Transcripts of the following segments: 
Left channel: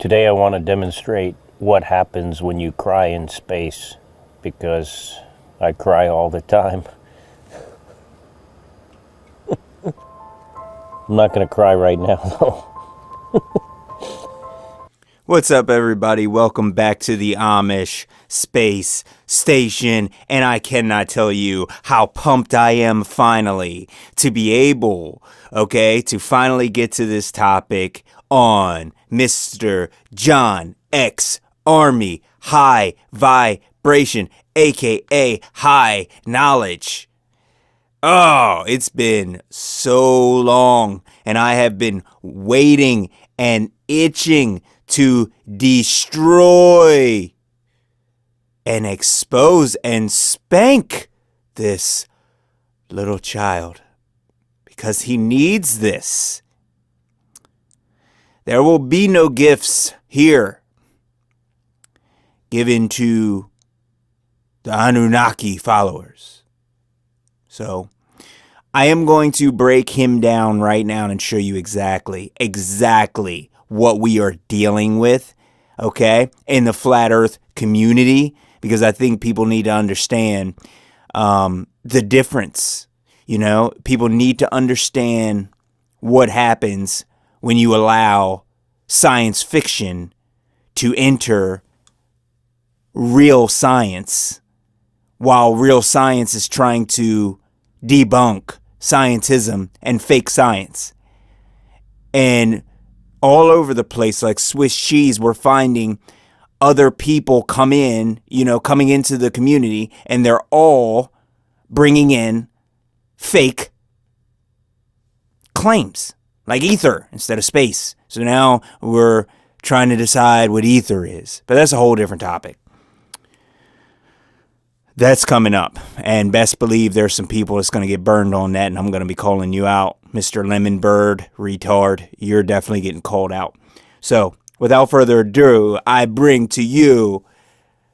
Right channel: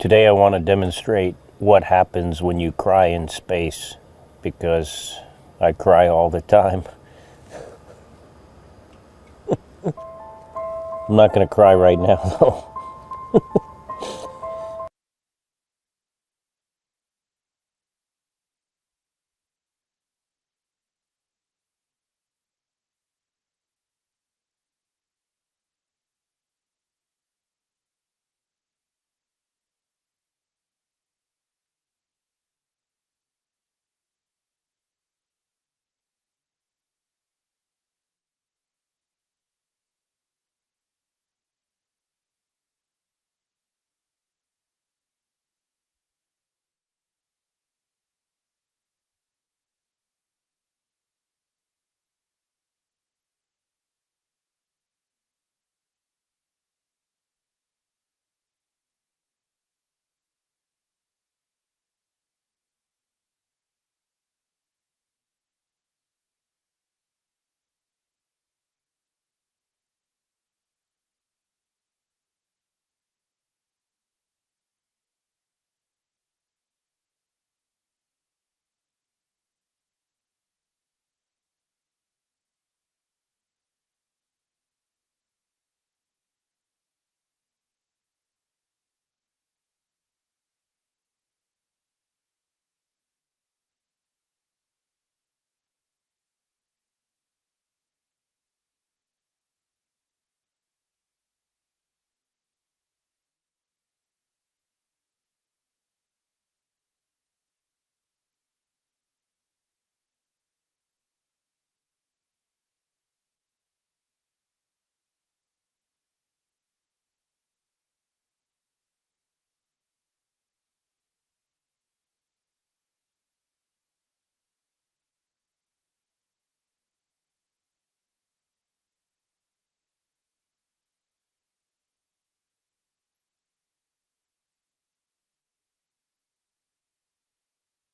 Today I want to demonstrate what happens when you cry in space, because I cry all the time. I'm not going to cry right now, though. What's up, everybody? Welcome back to the Amish Space Station, and I cannot tell you how pumped I am finally to be able, to finally get to this topic on Mr. John X Army High Vibration, aka High Knowledge. Oh, it's been so long, and I have been waiting and itching to destroy and expose and spank this little child, because he needs this. There will be no gifts here given to the Anunnaki followers. So I am going to break him down right now and show you exactly what we are dealing with, in the flat earth community, because I think people need to understand the difference. People need to understand what happens when you allow science fiction to enter real science, while real science is trying to debunk scientism and fake science. And all over the place, like Swiss cheese, we're finding other people coming into the community, and they're all bringing in fake claims, like ether instead of space. So now we're trying to decide what ether is, but that's a whole different topic. That's coming up, and best believe there's some people that's going to get burned on that, and I'm going to be calling you out. Mr. Lemon Bird, retard, you're definitely getting called out. So, without further ado, I bring to you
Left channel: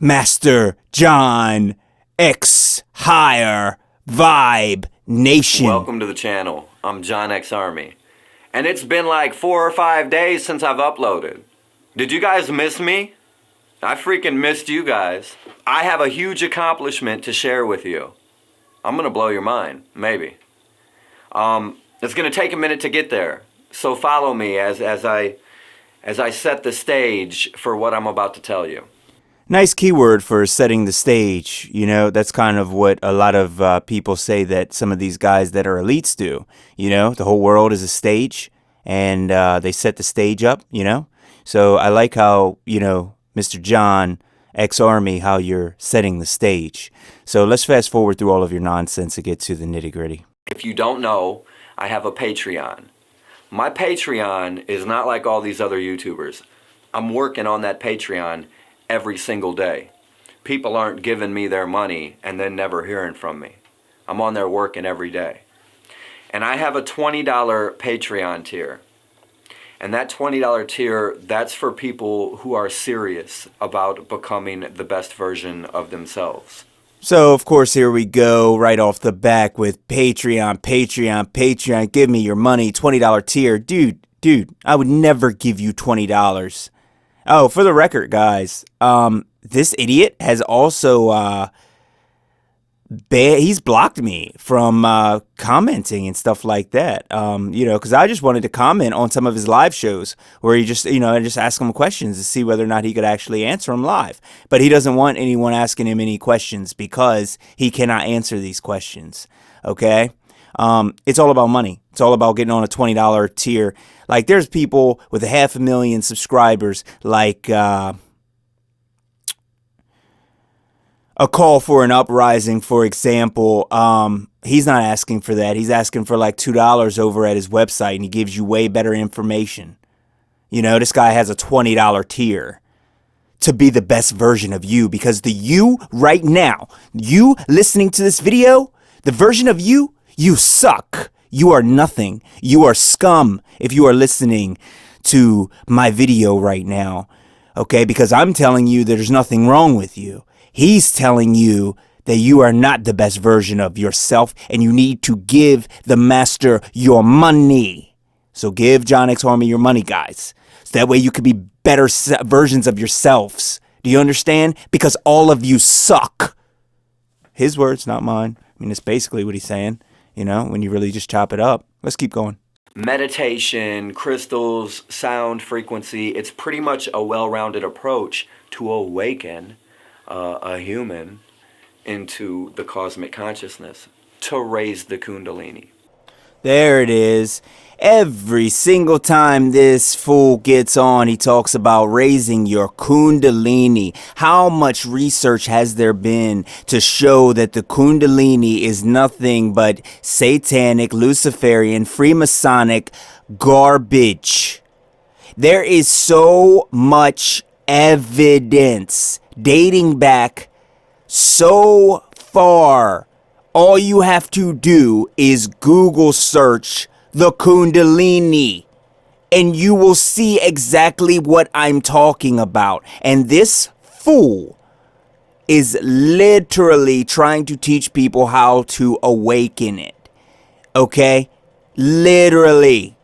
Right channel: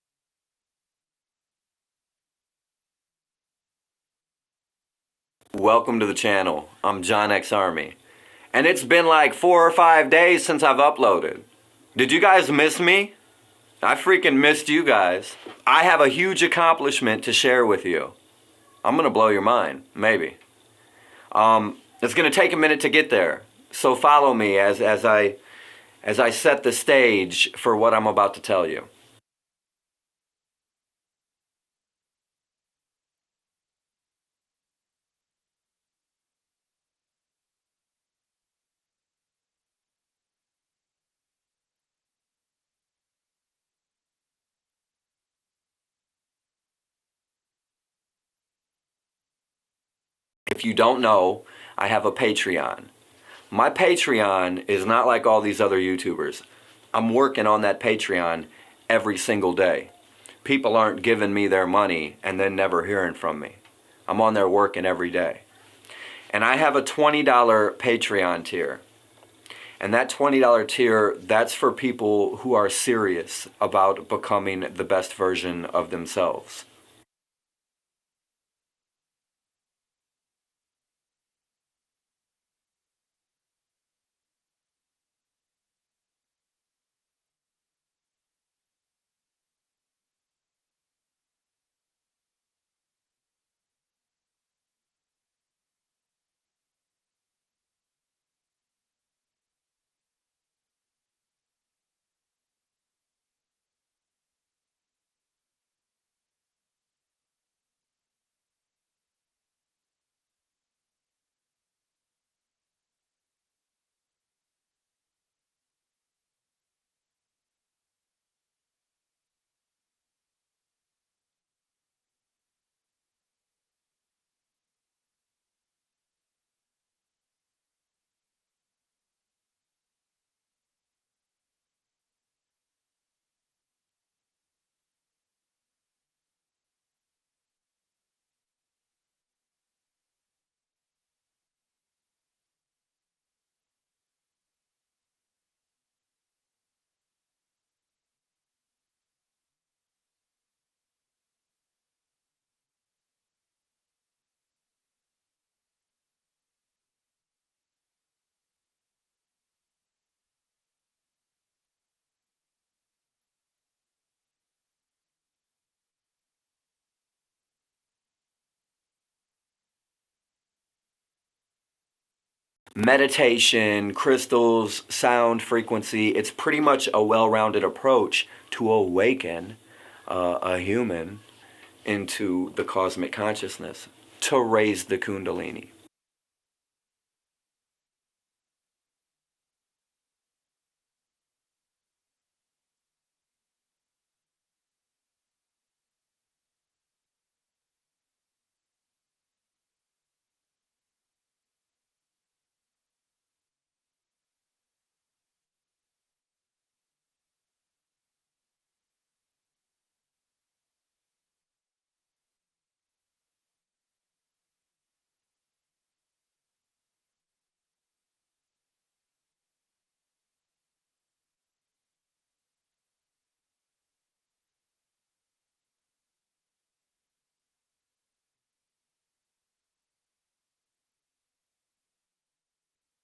Master John X Higher Vibe Nation. Welcome to the channel. I'm John X Army. And it's been like 4 or 5 days since I've uploaded. Did you guys miss me? I freaking missed you guys. I have a huge accomplishment to share with you. I'm gonna blow your mind, maybe. It's gonna take a minute to get there. So follow me as I set the stage for what I'm about to tell you. Nice keyword for setting the stage. That's kind of what a lot of people say that some of these guys that are elites do. The whole world is a stage, and they set the stage up, So I like how, Mr. John X Army, how you're setting the stage. So let's fast forward through all of your nonsense and get to the nitty gritty. If you don't know, I have a Patreon. My Patreon is not like all these other YouTubers. I'm working on that Patreon every single day. People aren't giving me their money and then never hearing from me. I'm on there working every day. And I have a $20 Patreon tier. And that $20 tier, that's for people who are serious about becoming the best version of themselves. So, of course, here we go right off the back with Patreon. Give me your money, $20 tier. Dude, I would never give you $20. Oh, for the record, guys, this idiot has also he's blocked me from commenting and stuff like that. Because I just wanted to comment on some of his live shows where he just ask him questions to see whether or not he could actually answer them live. But he doesn't want anyone asking him any questions because he cannot answer these questions. Okay? It's all about money. It's all about getting on a $20 tier. Like, there's people with 500,000 subscribers, like a call for an uprising, for example. He's not asking for that. He's asking for like $2 over at his website, and he gives you way better information. This guy has a $20 tier to be the best version of you, because the you right now, you listening to this video, the version of you suck. You are nothing. You are scum if you are listening to my video right now, because I'm telling you there's nothing wrong with you. He's telling you that you are not the best version of yourself, and you need to give the master your money. So give John X Army your money, guys. So that way you could be better versions of yourselves. Do you understand? Because all of you suck. His words, not mine. I mean, it's basically what he's saying, you know, when you really just chop it up. Let's keep going. Meditation, crystals, sound, frequency, it's pretty much a well-rounded approach to awaken a human into the cosmic consciousness, to raise the Kundalini. There it is. Every single time this fool gets on, he talks about raising your Kundalini. How much research has there been to show that the Kundalini is nothing but satanic, Luciferian, Freemasonic garbage? There is so much evidence dating back so far. All you have to do is Google search the Kundalini, and you will see exactly what I'm talking about. And this fool is literally trying to teach people how to awaken it. Okay? Literally.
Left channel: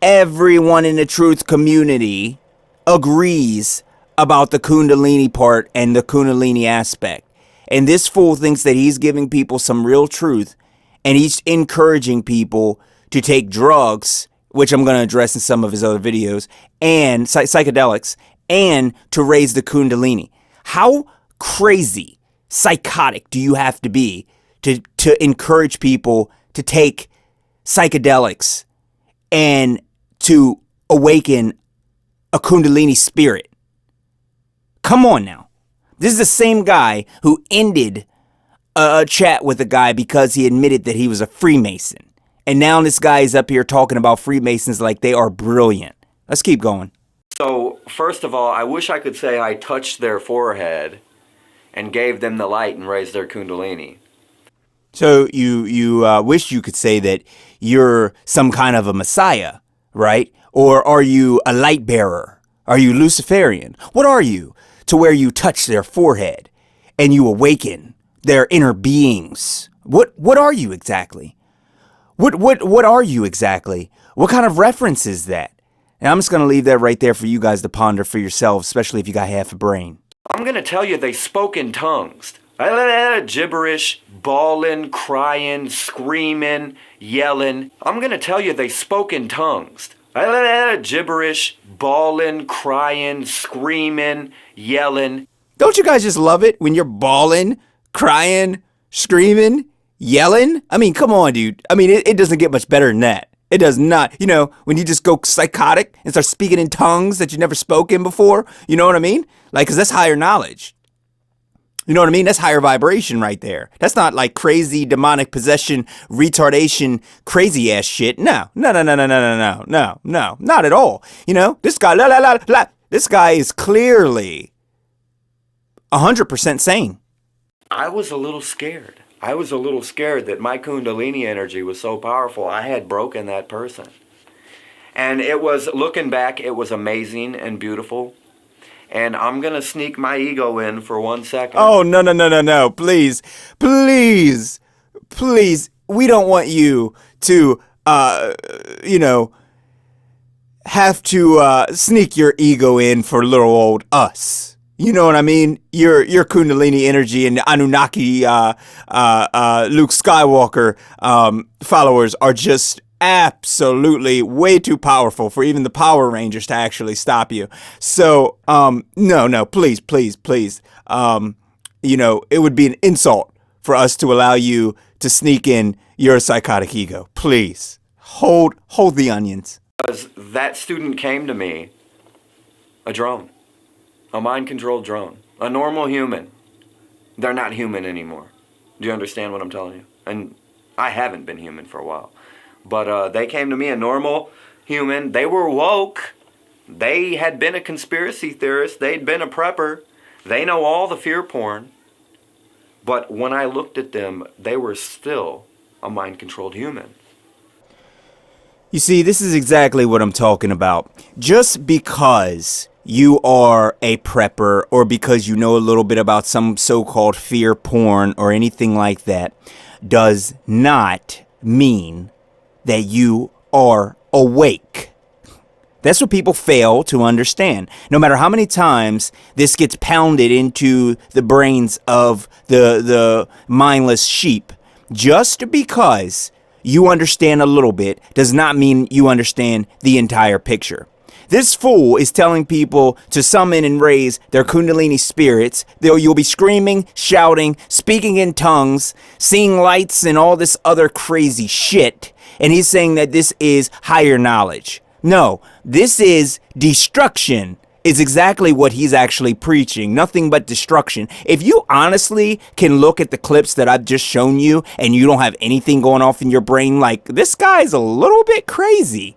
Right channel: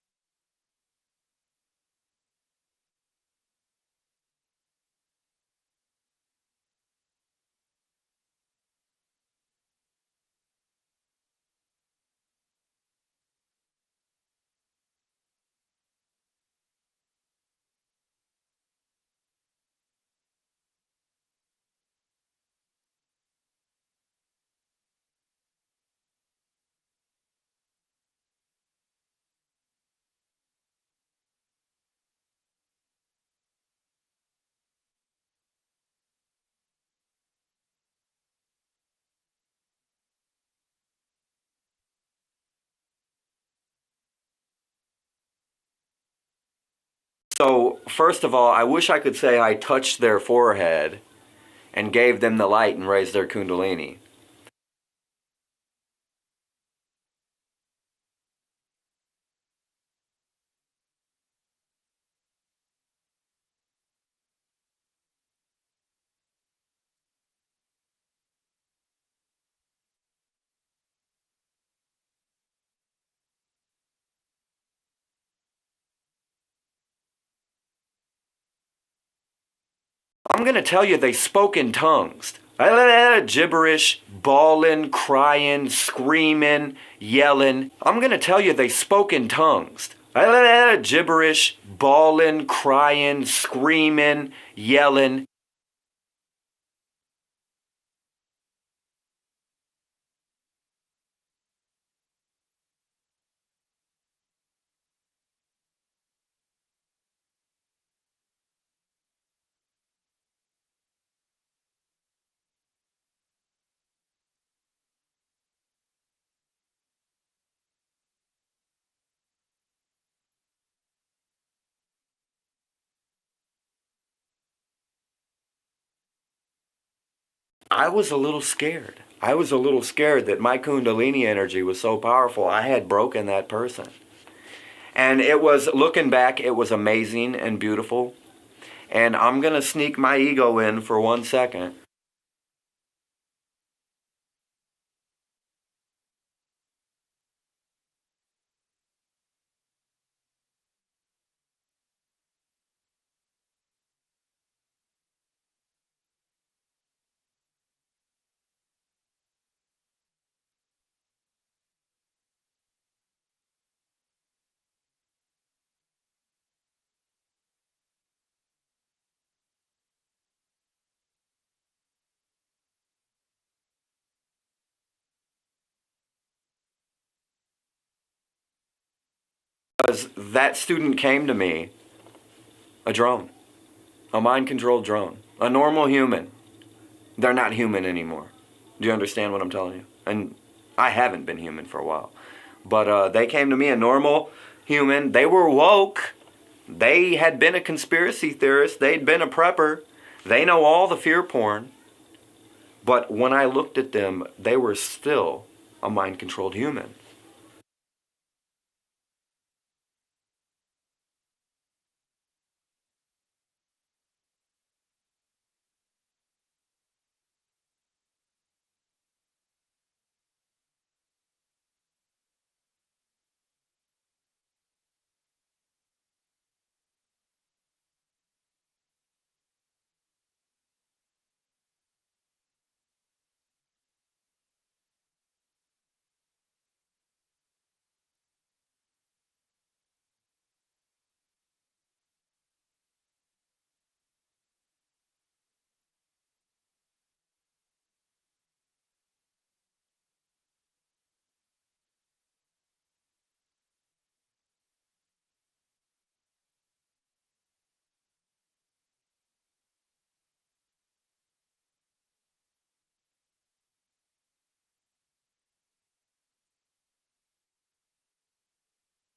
Everyone in the truth community agrees about the Kundalini part and the Kundalini aspect. And this fool thinks that he's giving people some real truth, and he's encouraging people to take drugs, which I'm going to address in some of his other videos, and psychedelics, and to raise the Kundalini. How crazy, psychotic do you have to be to encourage people to take psychedelics and to awaken a Kundalini spirit? Come on now. This is the same guy who ended a chat with a guy because he admitted that he was a Freemason. And now this guy is up here talking about Freemasons like they are brilliant. Let's keep going. So, first of all, I wish I could say I touched their forehead and gave them the light and raised their Kundalini. So you wish you could say that you're some kind of a messiah, right? Or are you a light bearer? Are you Luciferian? What are you? To where you touch their forehead and you awaken their inner beings. What are you exactly? What are you exactly? What kind of reference is that? And I'm just going to leave that right there for you guys to ponder for yourselves, especially if you got half a brain. I'm going to tell you they spoke in tongues. Gibberish, bawling, crying, screaming, yelling. I'm going to tell you they spoke in tongues. Gibberish, bawling, crying, screaming, yelling. Don't you guys just love it when you're bawling, crying, screaming, yelling? I mean, come on, dude. I mean, it doesn't get much better than that. It does not. You know, when you just go psychotic and start speaking in tongues that you never spoken before, you know what I mean? Like, because that's higher knowledge. You know what I mean? That's higher vibration right there. That's not like crazy demonic possession, retardation, crazy ass shit. No, not at all. You know, this guy, this guy is clearly 100% sane. I was a little scared. I was a little scared that my Kundalini energy was so powerful, I had broken that person. And it was, looking back, it was amazing and beautiful. And I'm going to sneak my ego in for 1 second. Oh, no. Please. We don't want you to, have to sneak your ego in for little old us. You know what I mean? Your Kundalini energy and Anunnaki, Luke Skywalker followers are just absolutely way too powerful for even the Power Rangers to actually stop you. So, no, please. It would be an insult for us to allow you to sneak in your psychotic ego. Please, hold the onions. Because that student came to me, a drone, a mind-controlled drone, a normal human. They're not human anymore. Do you understand what I'm telling you? And I haven't been human for a while. But they came to me, a normal human. They were woke. They had been a conspiracy theorist. They'd been a prepper. They know all the fear porn. But when I looked at them, they were still a mind-controlled human. You see, this is exactly what I'm talking about. Just because you are a prepper or because you know a little bit about some so-called fear porn or anything like that does not mean that you are awake. That's what people fail to understand. No matter how many times this gets pounded into the brains of the mindless sheep, just because you understand a little bit does not mean you understand the entire picture. This fool is telling people to summon and raise their Kundalini spirits. You'll be screaming, shouting, speaking in tongues, seeing lights, and all this other crazy shit. And he's saying that this is higher knowledge. No, this is destruction. Is exactly what he's actually preaching. Nothing but destruction. If you honestly can look at the clips that I've just shown you and you don't have anything going off in your brain like, this guy's a little bit crazy,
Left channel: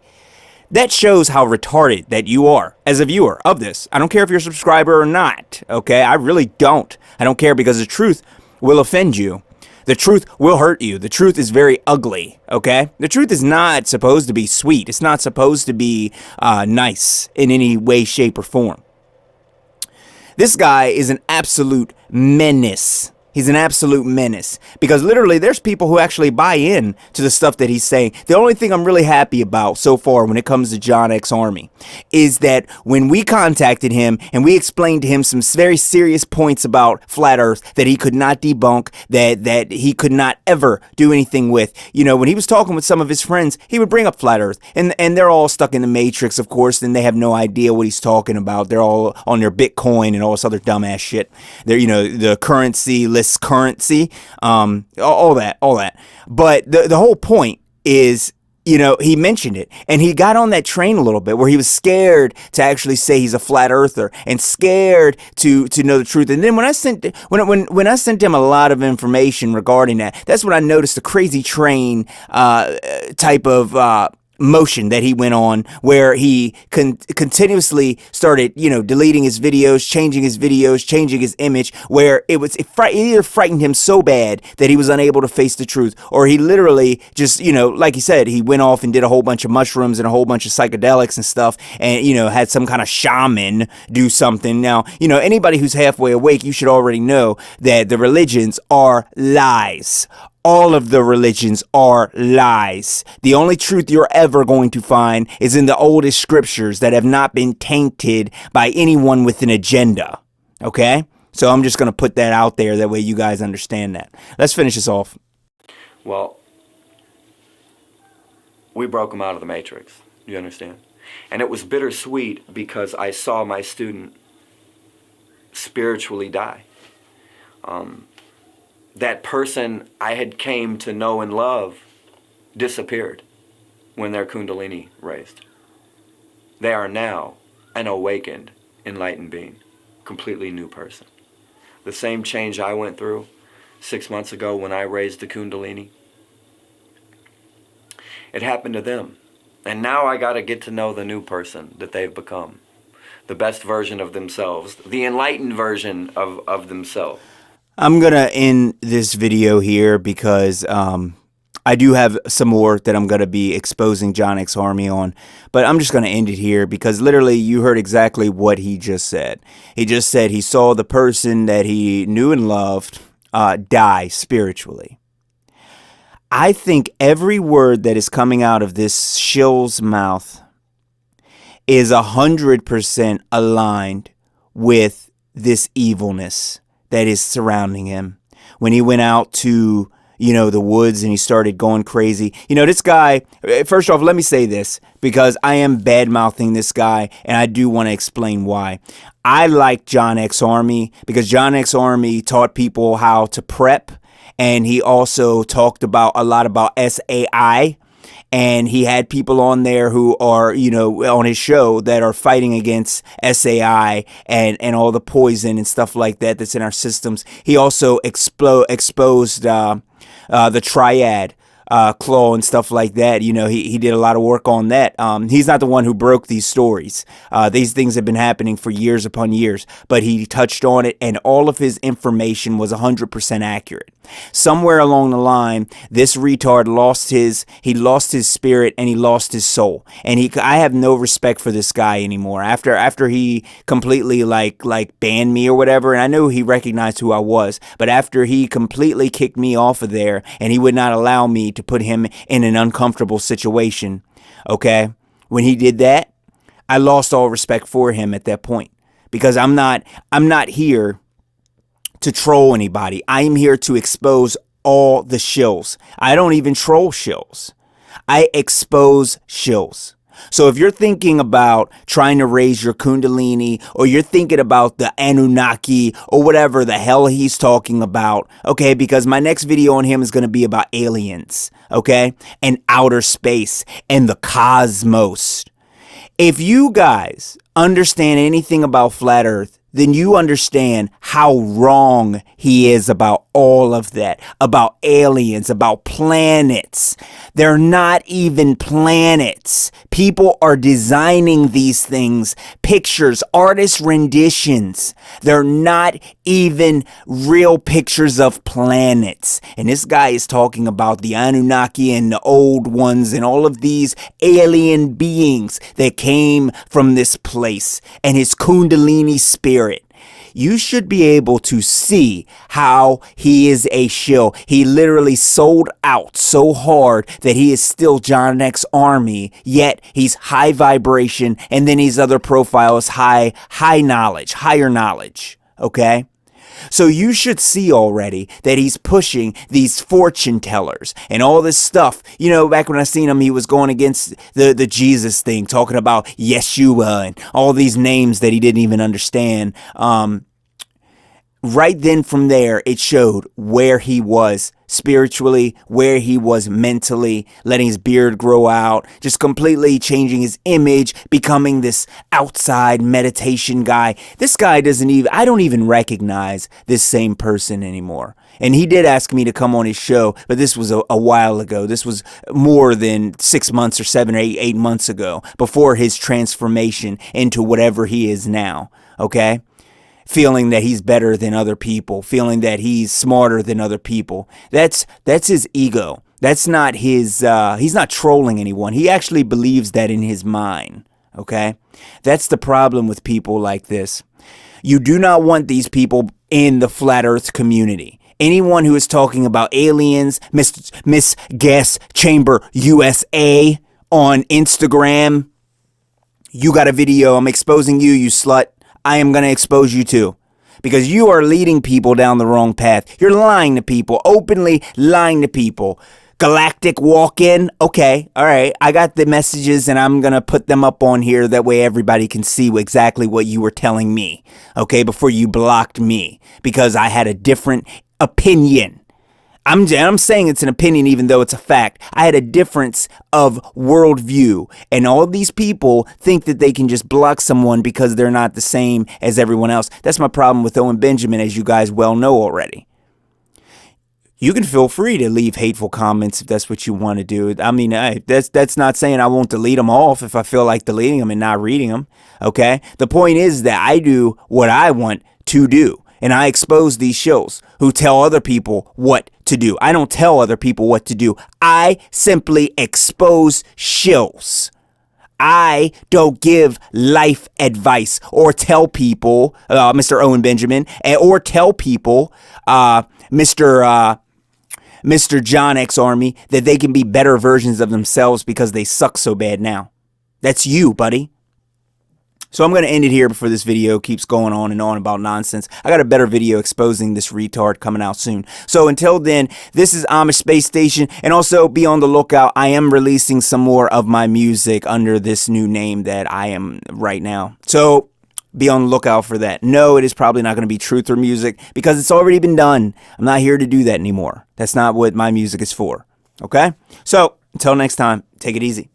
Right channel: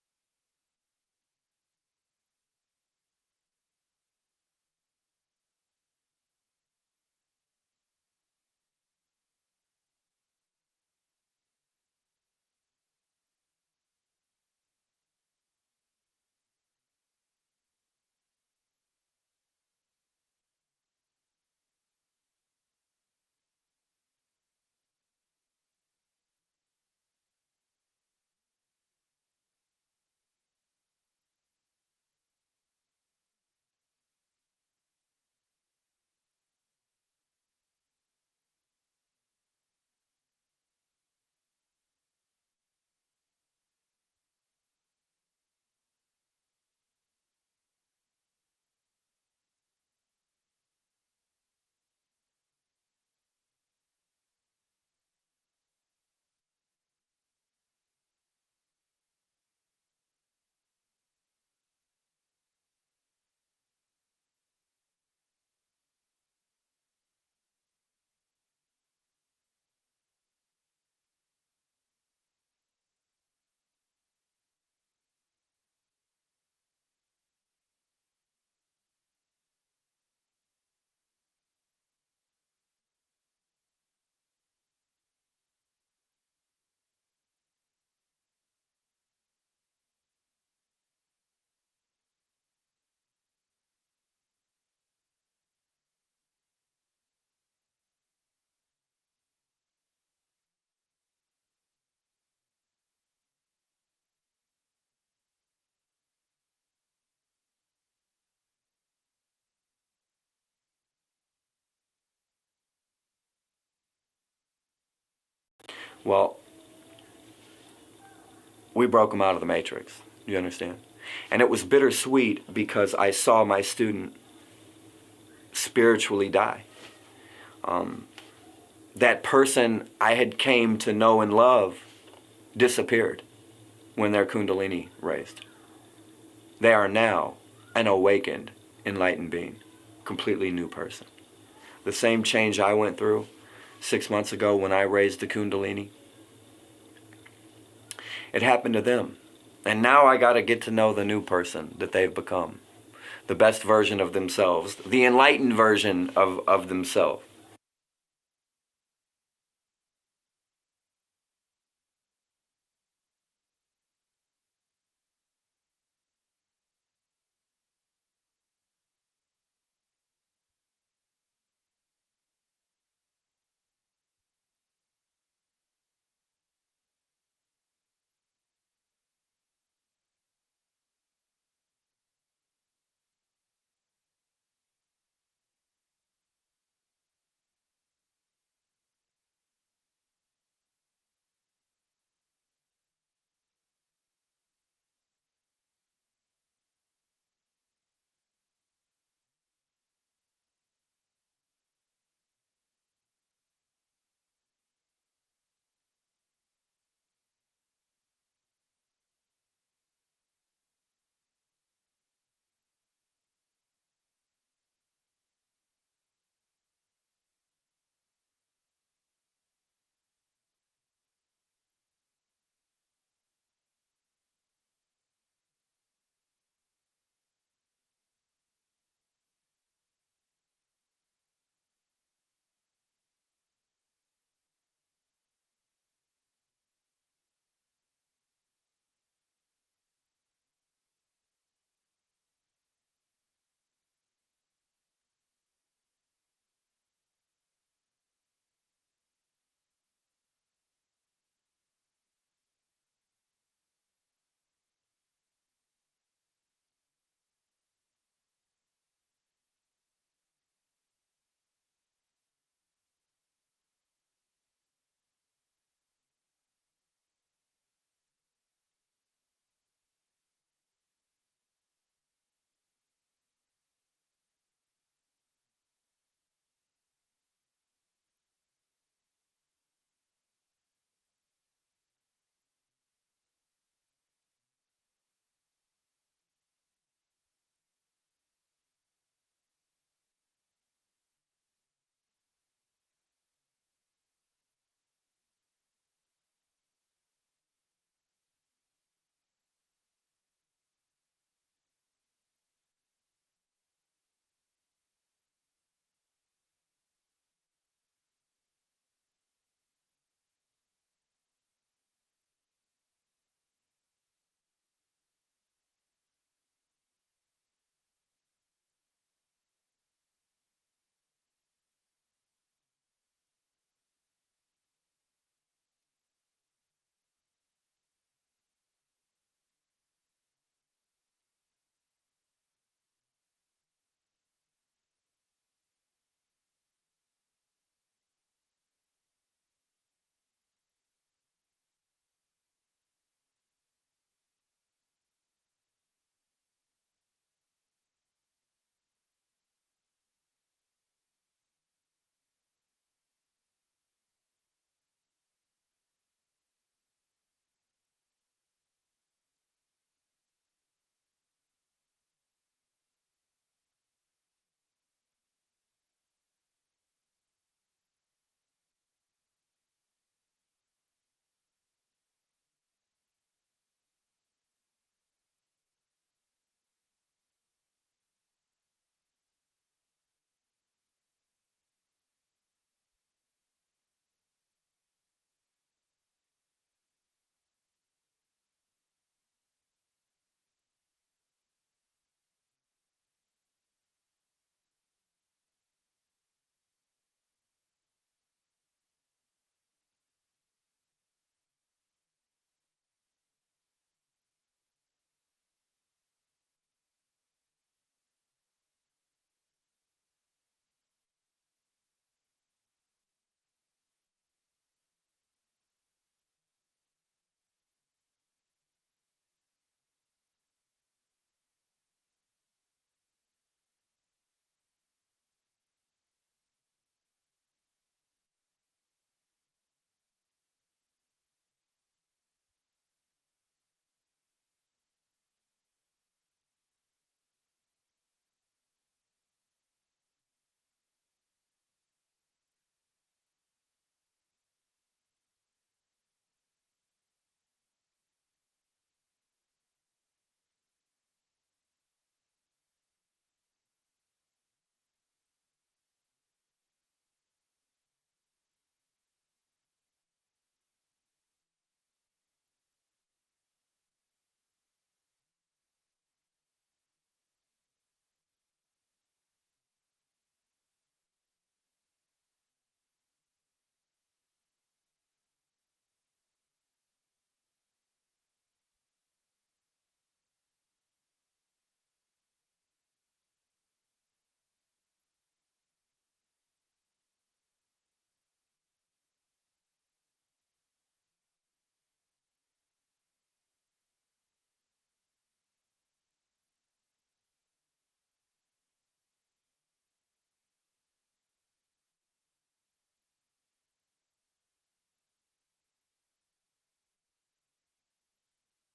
that shows how retarded that you are as a viewer of this. I don't care if you're a subscriber or not, okay? I really don't. I don't care, because the truth will offend you. The truth will hurt you. The truth is very ugly, okay? The truth is not supposed to be sweet. It's not supposed to be nice in any way, shape, or form. This guy is an absolute menace. He's an absolute menace, because literally there's people who actually buy in to the stuff that he's saying. The only thing I'm really happy about so far when it comes to John X Army is that when we contacted him and we explained to him some very serious points about flat earth that he could not debunk, that he could not ever do anything with. You know, when he was talking with some of his friends, he would bring up flat earth, and they're all stuck in the matrix, of course, and they have no idea what he's talking about. They're all on their Bitcoin and all this other dumbass shit. They're, you know, the currency list currency, all that. But the whole point is, you know, he mentioned it, and he got on that train a little bit where he was scared to actually say he's a flat earther and scared to know the truth. And then when I sent him a lot of information regarding that, that's when I noticed the crazy train type of motion that he went on, where he continuously started, you know, deleting his videos, changing his image, where it either frightened him so bad that he was unable to face the truth, or he literally just, you know, like he said, he went off and did a whole bunch of mushrooms and a whole bunch of psychedelics and stuff, and, you know, had some kind of shaman do something. Now, you know, anybody who's halfway awake, you should already know that the religions are lies. All of the religions are lies. The only truth you're ever going to find is in the oldest scriptures that have not been tainted by anyone with an agenda. Okay? So I'm just going to put that out there. That way you guys understand that. Let's finish this off. Well, we broke him out of the matrix. You understand? And it was bittersweet because I saw my student spiritually die. That person I had came to know and love disappeared when their Kundalini raised. They are now an awakened, enlightened being, completely new person. The same change I went through 6 months ago when I raised the Kundalini, it happened to them. And now I got to get to know the new person that they've become, the best version of themselves, the enlightened version of themselves. I'm going to end this video here because I do have some more that I'm going to be exposing John X Army on. But I'm just going to end it here because literally you heard exactly what he just said. He just said he saw the person that he knew and loved die spiritually. I think every word that is coming out of this shill's mouth is 100% aligned with this evilness that is surrounding him. When he went out to, you know, the woods and he started going crazy. You know, this guy, first off, let me say this, because I am bad-mouthing this guy, and I do want to explain why. I like John X Army because John X Army taught people how to prep, and he also talked about a lot about SAI. And he had people on there who are, you know, on his show that are fighting against SAI and all the poison and stuff like that that's in our systems. He also exposed the triad claw and stuff like that. You know, he did a lot of work on that. He's not the one who broke these stories. These things have been happening for years upon years, but he touched on it, and all of his information was 100% accurate. Somewhere along the line, this retard lost his spirit and he lost his soul. And I have no respect for this guy anymore. After he completely like banned me or whatever, and I know he recognized who I was, but after he completely kicked me off of there and he would not allow me to put him in an uncomfortable situation, okay? When he did that, I lost all respect for him at that point, because I'm not here to troll anybody. I am here to expose all the shills. I don't even troll shills. I expose shills. So if you're thinking about trying to raise your kundalini, or you're thinking about the Anunnaki or whatever the hell he's talking about, okay, because my next video on him is going to be about aliens, okay, and outer space and the cosmos. If you guys understand anything about flat Earth, then you understand how wrong he is about all of that, about aliens, about planets. They're not even planets. People are designing these things, pictures, artist renditions. They're not even real pictures of planets. And this guy is talking about the Anunnaki and the old ones and all of these alien beings that came from this place, and his kundalini spirit. You should be able to see how he is a shill. He literally sold out so hard that he is still John X Army, yet he's high vibration, and then his other profile is high knowledge, higher knowledge, okay? So you should see already that he's pushing these fortune tellers and all this stuff. You know, back when I seen him, he was going against the Jesus thing, talking about Yeshua and all these names that he didn't even understand. Right then from there, it showed where he was spiritually, where he was mentally, letting his beard grow out, just completely changing his image, becoming this outside meditation guy. This guy doesn't even, I don't even recognize this same person anymore. And he did ask me to come on his show, but this was a while ago. This was more than 6 months or 7 or 8 months ago, before his transformation into whatever he is now, okay? Feeling that he's better than other people, feeling that he's smarter than other people. That's his ego. That's not his, he's not trolling anyone. He actually believes that in his mind, okay? That's the problem with people like this. You do not want these people in the flat earth community. Anyone who is talking about aliens, Miss Gas Chamber USA on Instagram, you got a video. I'm exposing you, you slut. I am going to expose you too, because you are leading people down the wrong path. You're lying to people, openly lying to people. Galactic walk-in. Okay, all right. I got the messages and I'm going to put them up on here. That way everybody can see exactly what you were telling me, okay, before you blocked me, because I had a different opinion. I'm saying it's an opinion even though it's a fact. I had a difference of worldview, and all these people think that they can just block someone because they're not the same as everyone else. That's my problem with Owen Benjamin, as you guys well know already. You can feel free to leave hateful comments if that's what you want to do. I mean, that's not saying I won't delete them off if I feel like deleting them and not reading them, okay? The point is that I do what I want to do. And I expose these shills who tell other people what to do. I don't tell other people what to do. I simply expose shills. I don't give life advice or tell people, Mr. Owen Benjamin, or tell people, Mr. John X Army, that they can be better versions of themselves because they suck so bad now. That's you, buddy. So I'm going to end it here before this video keeps going on and on about nonsense. I got a better video exposing this retard coming out soon. So until then, this is Amish Space Station, and also be on the lookout. I am releasing some more of my music under this new name that I am right now. So be on the lookout for that. No, it is probably not going to be truth or music because it's already been done. I'm not here to do that anymore. That's not what my music is for. Okay? So until next time, take it easy.